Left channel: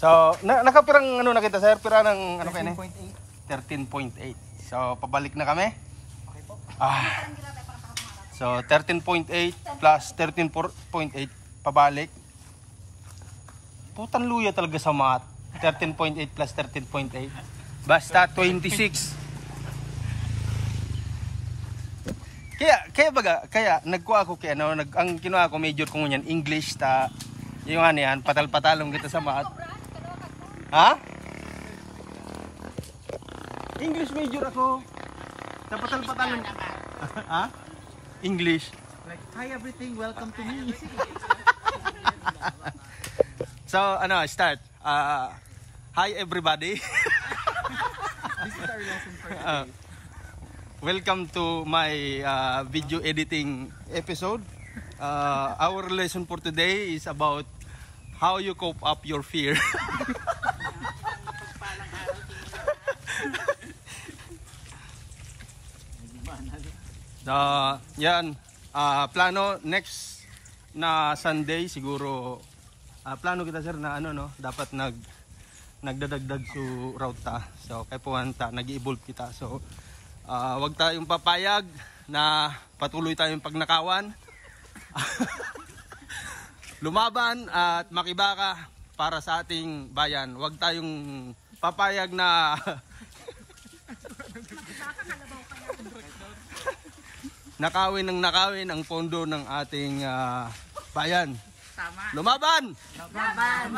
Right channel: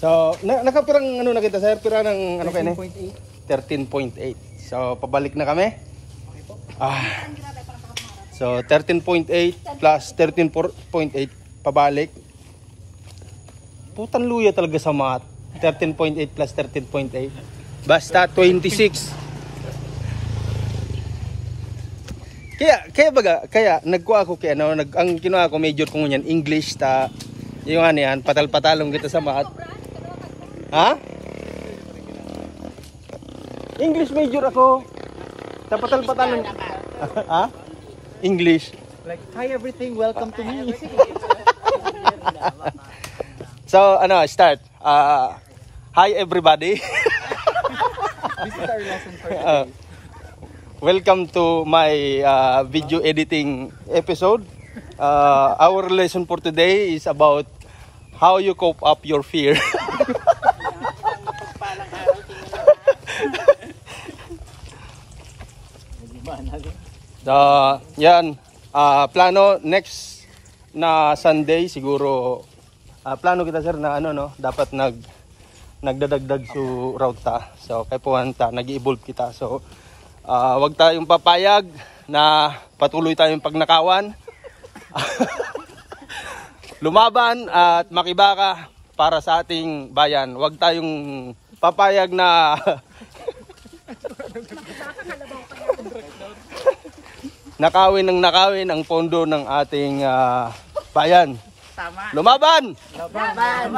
So, nakapirang ano na kita sir? Pira ng ano kayo 13.8. 13.8. So, pabalik na kami. Okay po. So, 13.8 plus 13.8 pabalik. Putan luya talaga sa math. 13.8 plus 13.8. Basta 26. Kaya nagkuha ako kay ano, ang kinuha ko major ko ngunyan English ta yung ano yan, patal-patalong kita sa math. Ha? English major ako. Ta patal-patalong. Ha? English. Like, hi everything, welcome to me. So, ano, start. Hi everybody. This is our lesson for today. Welcome to my video editing episode. Our lesson for today is about how you cope up your fear. So, yan. Plano next na Sunday siguro. Plano kita sir na ano no, dapat nagdadagdag su route ta. So, kay puwanta nag-evolve kita. So, wag tayong papayag na patuloy tayong pagnakawan. Lumaban at makibaka para sa ating bayan. Wag tayong papayag na nakawin ang pondo ng ating bayan. Tama. Lumaban! Laban!